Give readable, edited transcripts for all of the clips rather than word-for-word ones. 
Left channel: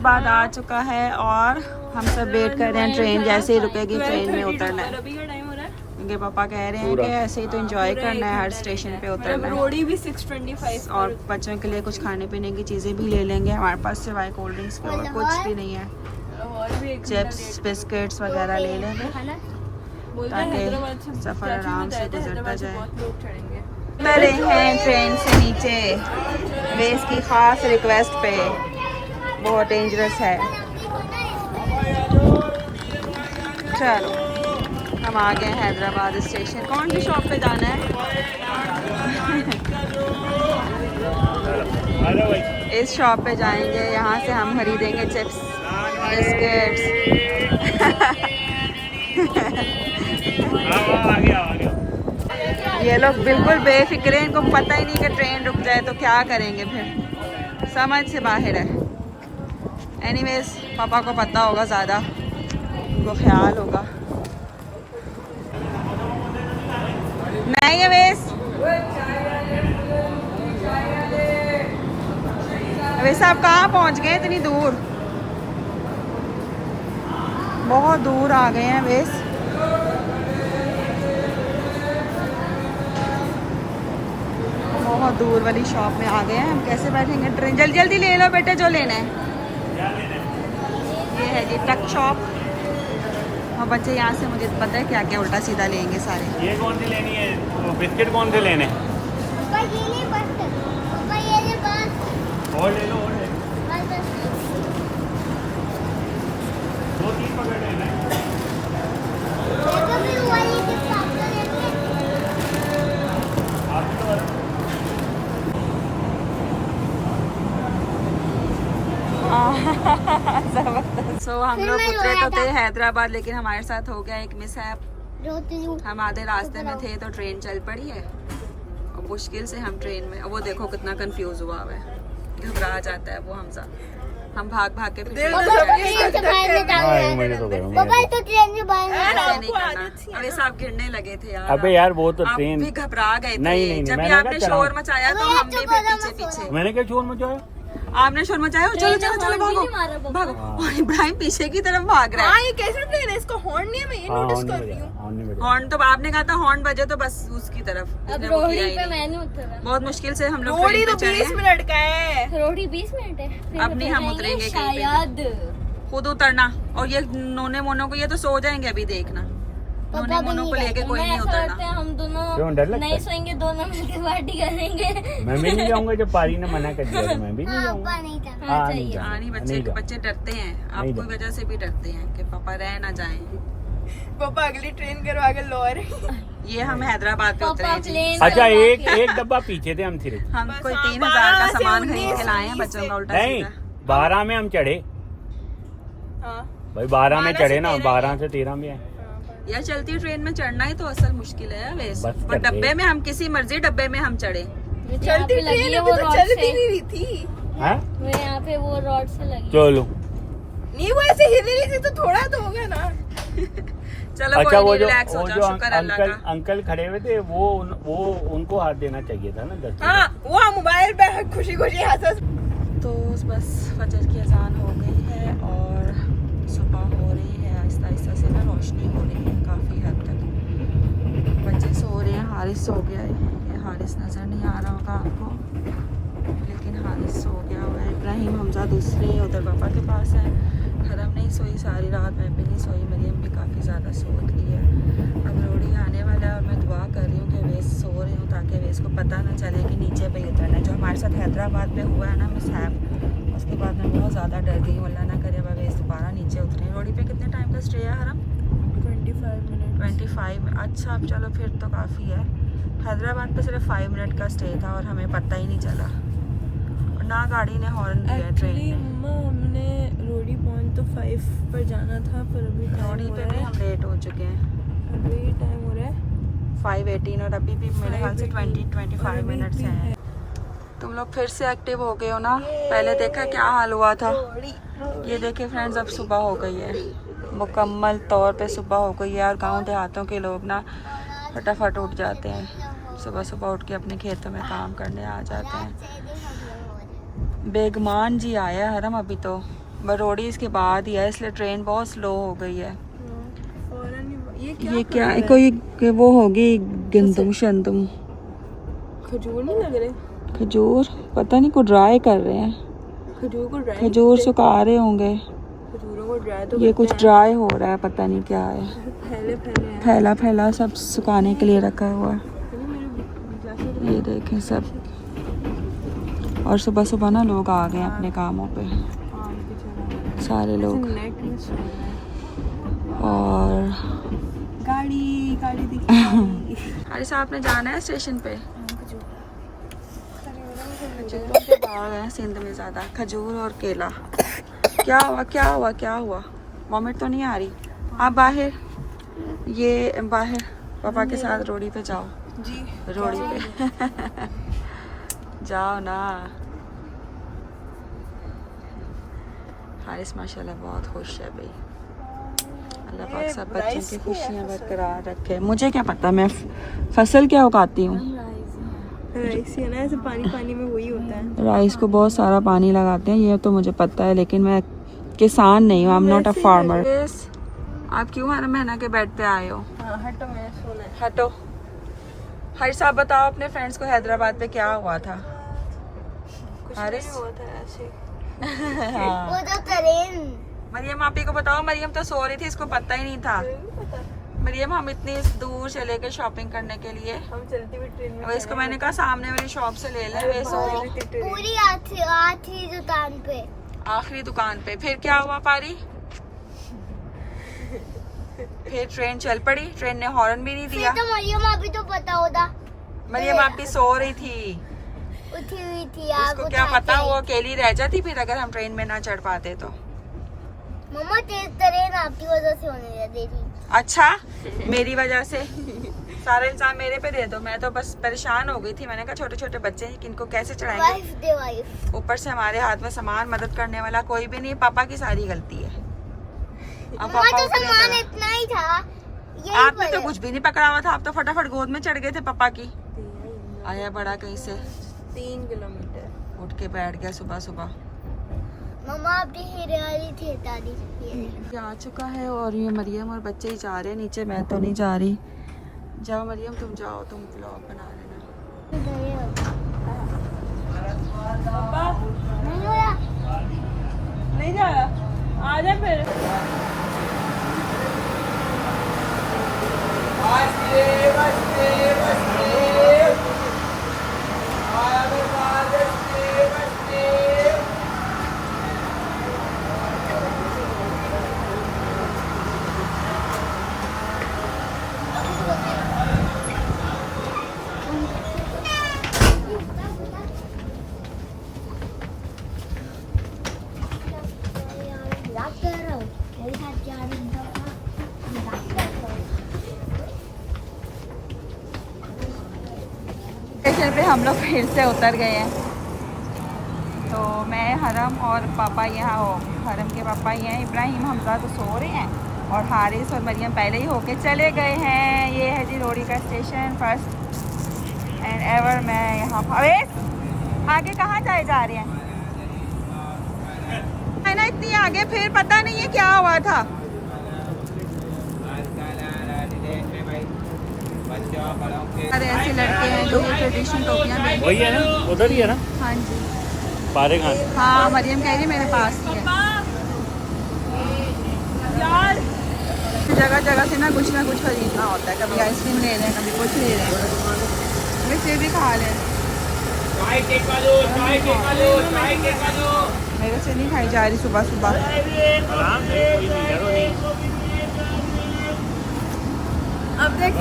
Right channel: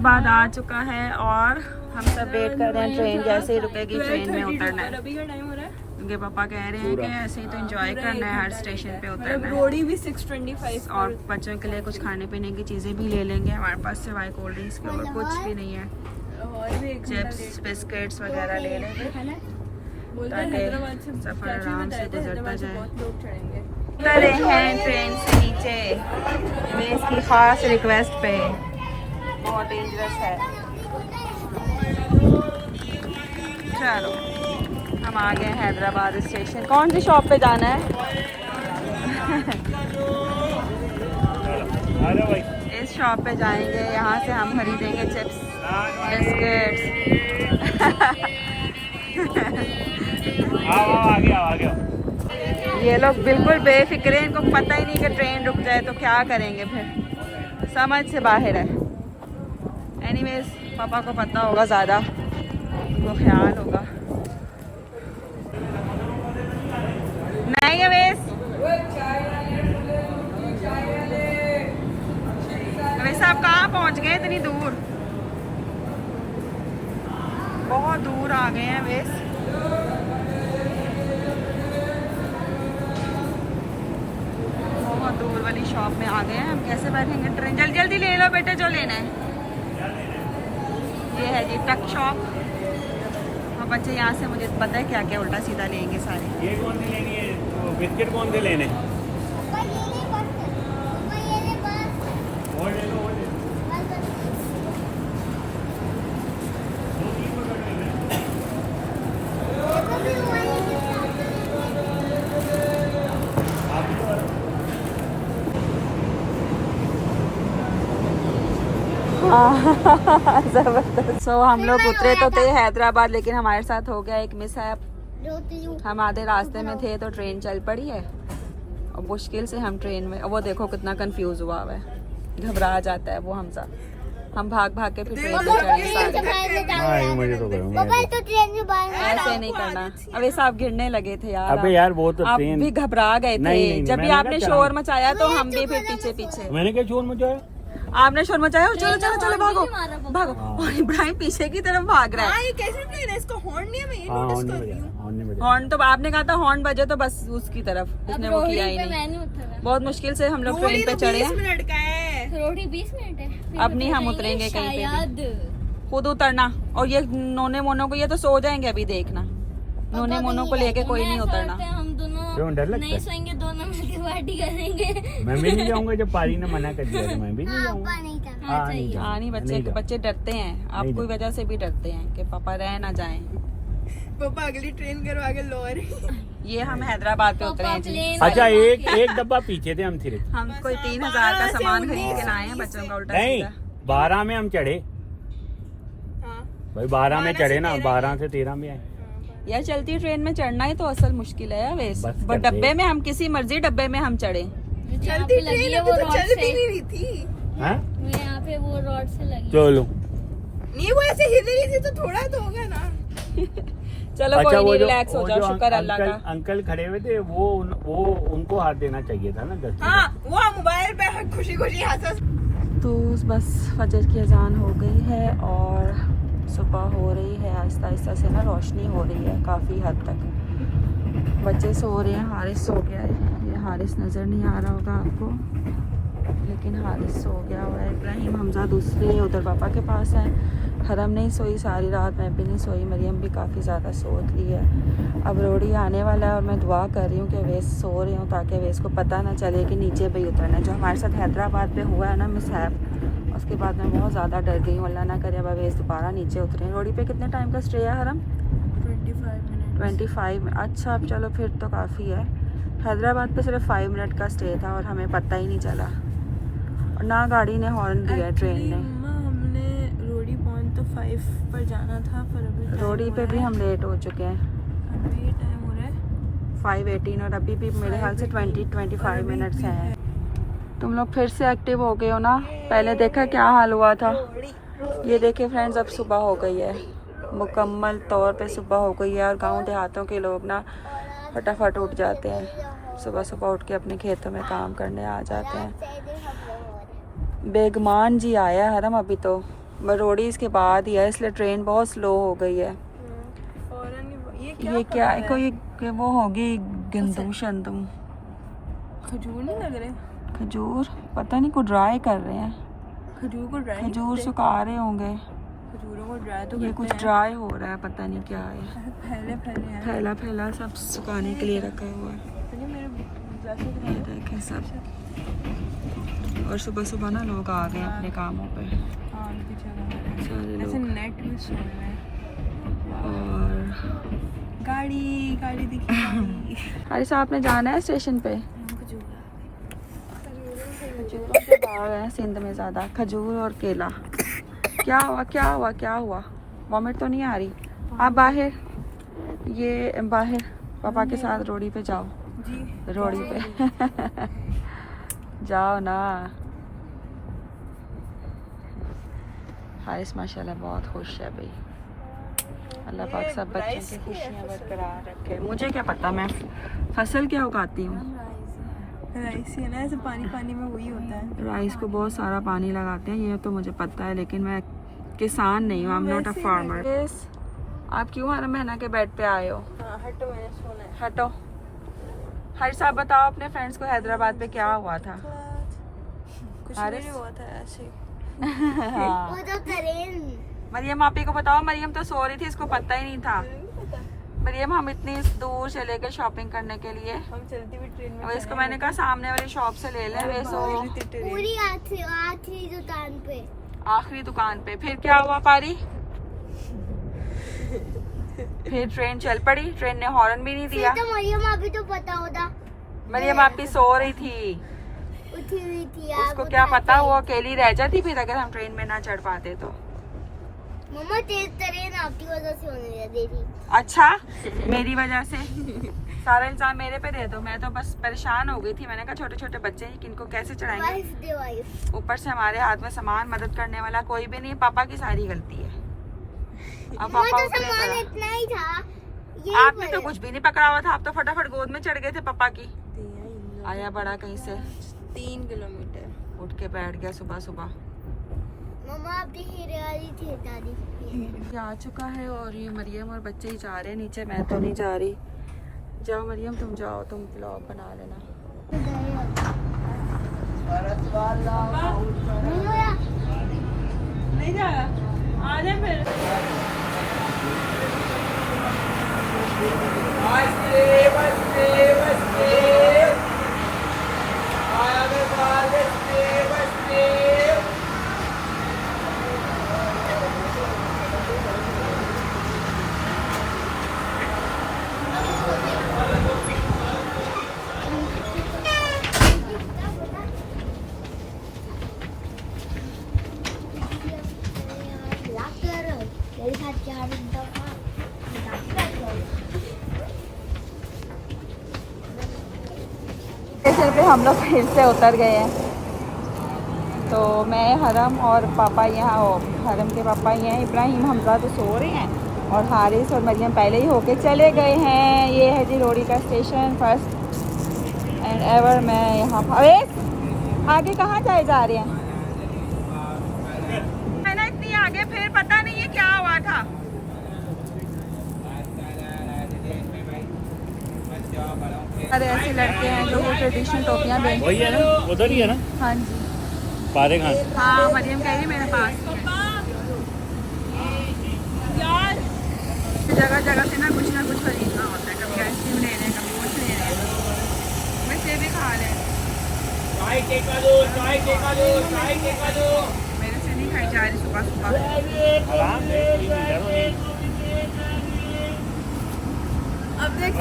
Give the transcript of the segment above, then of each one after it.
हैदराबाद आ चुका है और हम सब वेट कर रहे हैं ट्रेन जैसे ही रुकेगी ट्रेन में उतरना है। अभी का टाइम हो रहा है, क्योंकि पापा कह रहे हैं कि ऐसे ही तो एंजॉय करना है, हर स्टेशन पे उतरना है। रोडी भी 6:25 और बच्चों के लिए कुछ खाने पीने की चीज़ें भी ले लेंगे, हमारे पास सिवाय कोल्ड ड्रिंक्स के और कुछ भी नहीं है। और भी एक चिप्स बिस्किट्स वगैरह ले लेंगे बोलते हैं हैदराबाद से सफ़र चाची आराम बताया से था, गुजरता हैदराबाद से जाए। बहुत लोग चढ़ेंगे। उतरे हैं ट्रेन से नीचे वेस की खास रिक्वेस्ट पे, बहुत डेंजरस है। चलो हम आ गए हैदराबाद स्टेशन। कौन सी शॉप पे जाना है? इस शॉप पे जाएंगे, यहाँ से हम खरीदेंगे चिप्स बिस्किट्स। ये लोग बिल्कुल बेफिक्र हैं, इनको पता ही नहीं कि ट्रेन रुक जाए तो क्या करेंगे, फिर समझ से बाहर है। एनीवेज पापा को पता होगा, ज़्यादा उनको ख्याल होगा। नहीं अवेश, अवेश आप कहाँ पहुँच गए इतनी दूर? बहुत दूर आ गए हैं अवेश। बहुत दूर वाली शॉप में आ गए हैं हम। कैसे बैठेंगे ट्रेन? जल्दी जल्दी ले लो बेटे जो लेना है। ये है जी ट्रक शॉप और बच्चे यहाँ से मुझे पता है क्या क्या उल्टा सीधा लेंगे सारे। ये कौन सी लेनी है? वो बिस्किट कौन से लेने? और ले लो, और ले लो। 2-3 पकड़ लेना है। आप भी तो सो हम लोग उतरे तो थे हैदराबाद, लेकिन हमारे साथ हो गया एक मिसहैप। हम आधे रास्ते में थे तो ट्रेन चल पड़ी है और मुश्किल से हम ट्रेन में, और वो देखो कितना कंफ्यूज हुआ है, घबरा जाता है वो हमसा। हम भाग भाग के फिर ट्रेन में ऐसे नहीं करना। अबे साहब गिरने लगे थे यार। अबे यार वो तो आप ट्रेन भी घबरा गए थे। नहीं, जब भी मैंने आपने क्या शोर मचाया तो हम भी फिर पीछे पीछे। मैंने क्या शोर मचाया? आपने शोर मचाया, चलो चलो चलो भागो भागो। और इब्राहिम पीछे की तरफ भाग रहा है। हाँ, ये कैसे ट्रेन है? इसका हॉर्न नहीं है, मैं ये नोटिस कर रही हूँ। हॉर्न तो आपने कहा था हॉर्न बजे तो बस उसकी तरफ, इसने वो किया ही नहीं। बहुत मुश्किल से हम लोग ट्रेन पे चढ़े 20 मिनट का है। रोटी 20 मिनट है। अब नहीं हम उतरेंगे कहीं पे शायद खुद उतरना। और ये नोने मोनो को, ये तो सो जाएंगे अभी, देखना नोने मोनो को लेके कोई नहीं उतरना। हम दोनों क्यों डर लगता नहीं है? सोएंगे, दोनों मिलकर पार्टी करेंगे। मैं भी नहीं जाऊंगा, जब पारी ने मना कर दिया तो मैं भी नहीं जाऊंगा। हाँ, नहीं चाहिए। जाऊंगा। हाँ नहीं, नहीं जाऊंगा। बच्चे डरते हैं, आप नहीं कोई जाऊंगा। वजह से भी डरते हैं कि पापा रह ना जाएं। पापा अगली ट्रेन करवा के लॉर। ये हम हैदराबाद पे उतरे हैं जी। प्लेन अच्छा एक डब्बा पीछे थे हम सिर्फ। हम कोई बस 3000 का 12 से सामान 19 खरीद के लाए हैं बच्चों का उल्टा नहीं, सीधा। 12 में हम चढ़े हाँ, भाई, 12 में 12 चढ़े से ना, 13 12 से 13 में आए। यार चलती ट्रेन में चढ़ना ही तो असल मुश्किल है वैसे। बस बट कर दे। डब्बे में हम किसी मर्जी डब्बे में हम चढ़े। चलती लगी ट्रेन है अभी वो तो रॉड चल भी से। नहीं रही थी। हैं? मैं यहाँ पे वो रॉड से लगी। चलो। नहीं, वो ऐसे हिल रही थी तो थोड़ा तो होगा ना। चलो अच्छा, कोई वो नहीं, जो रिलैक्स हो जाओ, शुक्र अल्लाह का। अंकल खड़े हुए थे, वो उनको हाथ देना चाहिए था ना 10 हाँ, वो मोबाइल पे खुशी खुशी हंस। तो बस फजर की अजान हो गई है और सुबह हो रही है, आहिस्ता आहिस्ता से ना रोशनी हो रही है काफ़ी हद तक। बच्चे सो रहे हैं, हारिस सो गया है। ये हारिस नज़र नहीं आ रहा होगा आपको, लेकिन हारिस सो गया हुआ है। इब्राहिम हमजा दूसरे उधर पापा के पास है। हरम नहीं सोई सारी रात, मैं भी नहीं सोई, मरियम भी काफ़ी ज़्यादा सोच ली है। अब रोडी आने वाला है और मैं दुआ कर रही हूँ कि वेस सो रही हूँ ताकि वेस को पता ना चले कि नीचे पे उतरना है। जो हमारे साथ हैदराबाद पे हुआ है ना मिसहैप, उसके बाद मैं बहुत ज़्यादा डर गई हूँ। अल्लाह ना करे अब वेस दोबारा नीचे उतरे। रोडी पे कितने टाइम का स्टे है हरम? 25 मिनट। 25। अच्छा अब चलो फिर तो काफ़ी है। हैदराबाद पे सिर्फ 5 मिनट का स्टे था और हमें पता ही नहीं चला, और ना गाड़ी ने हॉर्न दिया ट्रेन ने। हमने रोडी पॉइंट तो 5 पर जाना था, पर अभी रोडी पे भी हम लेट हो चुके हैं। अभी टाइम हो रहा है 5:18 और अभी भी मेरे ख्याल से 20-25 मिनट्स हैं। तुम लोग फिर से एक्टिव हो गए हो ना। पहले देखा क्या हाल हुआ था। ये देखे फ्रेंड्स, अब सुबह हो गई है, मुकम्मल तौर पे सुबह हो गई है। और गांव देहातों के लोग ना फटाफट उठ जाते हैं, सुबह सुबह उठ के अपने खेतों में काम करने आ जाते हैं। बेगमान जी आया हरम अभी तो, बरोड़ी इसके बाद ही है, इसलिए ट्रेन बहुत स्लो हो गई है। ये क्या है? कोई वो होगी गंदम शंदम खजूर नहीं लग रहे? खजूर पता नहीं, को ड्राई कर रहे हैं। खजूर को ड्राई, खजूर सुखा रहे होंगे। खजूरों को ड्राई तो ये कुछ ड्राई हो रहा है, पता नहीं क्या है। फैले फैले हैं। फैला फैला सब सुखाने के लिए रखा हुआ है। ये देखें सब। और सुबह सुबह ना लोग आ गए अपने कामों पे, सारे लोग। नेट में सो रहे हैं। और गाड़ी गाड़ी दिखी। हारी साहब ने जाना है स्टेशन पे। खजूरों के बाग हैं सिंध में ज़्यादा, खजूर और केला। क्या हुआ क्या हुआ क्या हुआ? वॉमिट तो नहीं आ रही? आप बाहर, ये बाहर पापा के साथ रोड़ी पे जाओ। जी रोड़ी पे जाओ ना। हारिस माशाल्लाह बहुत खुश है भाई। अल्लाह पाक सब बच्चों की खुशियाँ बरकरार रखे। मुझे क्या पता, मैं फसल क्या उगाती हूँ। राइस है ना, ऐसे पानी पानी में वही होता है। राइस को बहुत सारा पानी लगाते हैं, ये तो मुझे पता है, लेकिन मैं किसान नहीं हूँ। I am not a farmer. आप क्यों हर महीना के बेड पे आए हो? हटो, मैंने सुना है। हटो। हर साहब बताओ अपने फ्रेंड्स को हैदराबाद पे क्या हुआ था? हारिस हुआ था ऐसे। हाँ। वो तो ट्रेन। मरियम आपी को बताओ। मरियम तो सो रही थी, इसको पता ही नहीं था। मरियम हम इतनी दूर चले गए शॉपिंग करने के लिए। हम चलती हुई ट्रेन में। अब इसको मैंने कहा सामने वाली शॉप से ले लें। वे सो पूरी आखिरी दुकान पे। आखिरी दुकान पे। फिर क्या हुआ पारी? फिर ट्रेन चल पड़ी। ट्रेन ने हॉर्न भी नहीं दिया। तो मरियम अभी तो पता होता। मरियम आप भी सो रही थी, उठी हुई थी। उसको क्या पता वो अकेली रह जाती फिर अगर हम ट्रेन में ना चढ़ पाते तो। मम्मा तेज ट्रेन आपकी वजह से होने दे रही। अच्छा, मेरी वजह से? सारा इल्जाम मेरे पे दे दो। मैं तो बस परेशान हो गई थी। मैंने कहा छोटे छोटे बच्चे हैं, किनको कैसे चढ़ाएंगे? वाइफ दे वाइफ। ऊपर से हमारे हाथ में सामान मदद करने वाला कोई भी नहीं। पापा की सारी गलती है। अब पापा तो उतरे सामान जरा। इतना ही था। आपने तो कुछ भी नहीं पकड़ा हुआ था, आप तो फटाफट गोद में चढ़ गए थे पापा की। आया बड़ा कहीं से 3 किलोमीटर उठ के बैठ गया सुबह सुबह। मम्मा अपनी हीरे वाली थी तारीफ। ये आ चुका है और ये मरियम और बच्चे ही जा रहे हैं नीचे। मैं तो नहीं जा रही। जाओ मरियम, तुम जाओ, तुम व्लॉग बना लेना। नहीं हो रहा। नहीं जा रहा। आ जा फिर। स्टेशन पे हम लोग फिर से उतर गए हैं। तो मैं, हरम और पापा यहाँ, हरम के पापा यहाँ, इब्राहिम हमजा तो सो रहे हैं और हारिस और मरियम पहले ही होके चले गए हैं। ये है जी रोड़ी का स्टेशन, फर्स्ट एंड एवर। मैं यहाँ, अरे आगे कहाँ जाए जा रहे हैं? है ना इतनी आगे, फिर पता नहीं है क्या हुआ था। अरे ऐसे लड़के हैं जो ये ट्रेडिशनल टोपियाँ दें। वही है ना, उधर ही है ना हाँ जी। पारे खान। हाँ मरियम कह रही है मेरे पास ही है। जगह जगह से ना कुछ खरीदना होता है। कभी आइसक्रीम ले रहे हैं, कभी कुछ ले रहे हैं। मिर्ची भी खा लें। मेरे से नहीं खाई जा रही सुबह सुबह। अब देख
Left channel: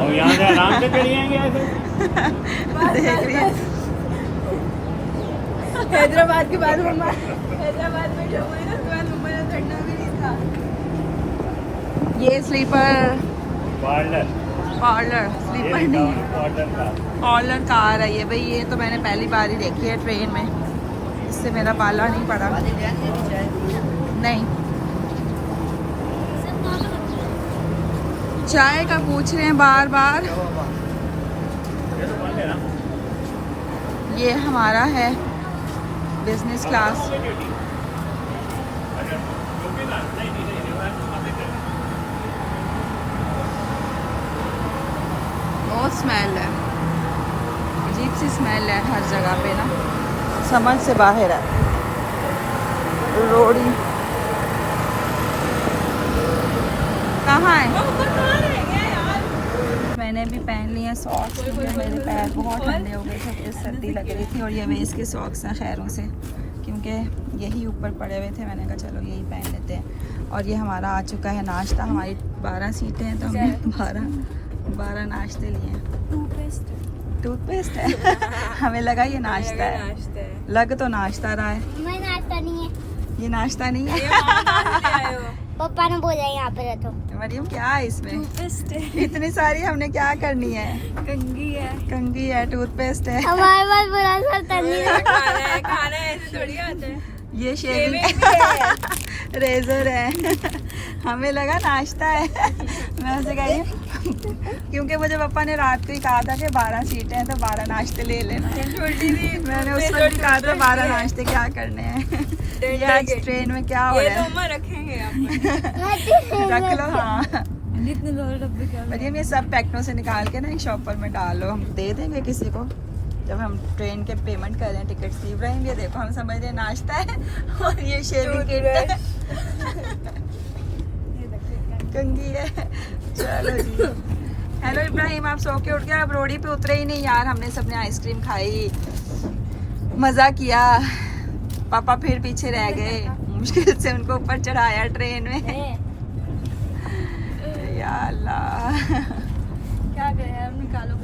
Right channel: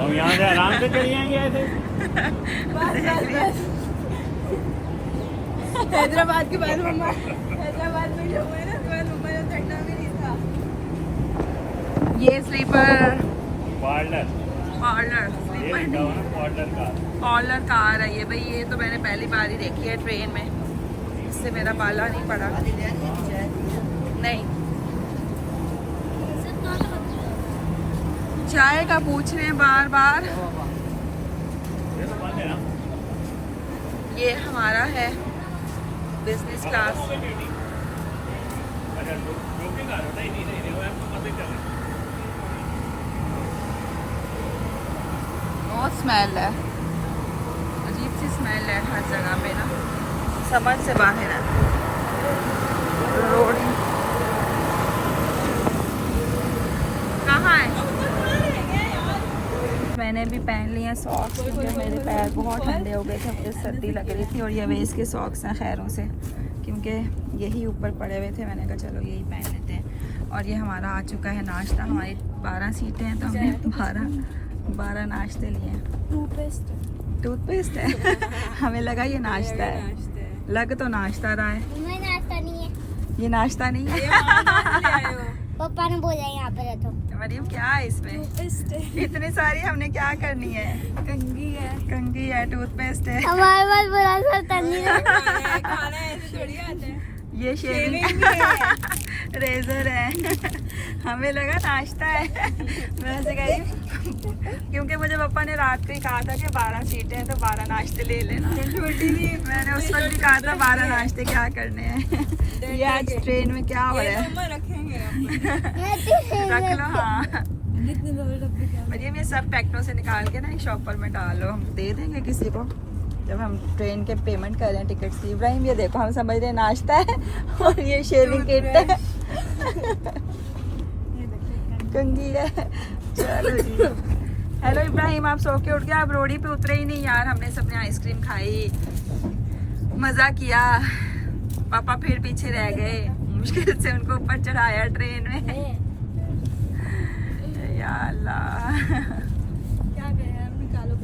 हम यहाँ से आराम से चढ़ जाएंगे ऐसे। हैदराबाद के बाद हैदराबाद में जो हुआ ना, उसके बाद मुंबई में चढ़ना भी नहीं था। ये स्लीपर पार्लर स्लीपर नहीं है, पार्लर कार है ये भाई। ये तो मैंने पहली बार ही देखी है ट्रेन में, इससे मेरा पाला नहीं पड़ा। नहीं, चाय का पूछ रहे हैं बार बार। ये हमारा है बिजनेस क्लास। बहुत स्मेल है, अजीब सी स्मेल है हर जगह पे ना, समझ से बाहर है। रोड़ी कहाँ है? मैंने भी पहन लिए सॉक्स क्योंकि मेरे पैर बहुत ठंडे हो गए थे, मुझे सर्दी लग रही थी। और ये वेस्ट के सॉक्स हैं खैरों से, क्योंकि यही ऊपर पड़े हुए थे। मैंने कहा चलो यही पहन लेते हैं। और ये हमारा आ चुका है नाश्ता। हमारी 12 सीटें हैं तो हमने 12 नाश्ते लिए हैं। टूथपेस्ट है हमें लगा ये नाश्ता है, लग तो नाश्ता रहा है। मैं नाश्ता नहीं है, ये नाश्ता नहीं है। पापा ने बोला यहाँ पे रहता। मरियम क्या है इसमें? टूथपेस्ट है, इतनी सारी हमने क्या करनी है? कंघी है, टूथपेस्ट है, हमारे पास बड़ा सा तन्नी है। खाना ऐसे थोड़ी आता है। ये शेविंग रेजर है। हमें लगा नाश्ता है। मैं ऐसे कही क्योंकि मुझे पापा ने रात को ही कहा था कि 12 सीटें हैं तो 12 नाश्ते ले लेना। मैंने उस वक्त भी कहा था 12 नाश्ते क्या करने हैं। ये आज ट्रेन में क्या हो रहा है? रखेंगे रख लो। हाँ इतने ज़्यादा डब्बे क्या मरियम ये सब पैकेटों से निकाल के ना एक शॉपर में डालो, हम दे देंगे किसी को जब हम ट्रेन के पेमेंट कर रहे हैं टिकट की। इब्राहिम ये देखो, हम समझ रहे हैं नाश्ता है और ये शेविंग किट है, कंघी है। चलो जी। हेलो इब्राहिम, आप सो के उठ गए? आप रोडी पे उतरे ही नहीं यार। हमने सबने आइसक्रीम खाई, मज़ा किया। पापा फिर पीछे रह गए, मुश्किल से उनको ऊपर चढ़ाया ट्रेन में। या अल्लाह क्या करें, हम निकालो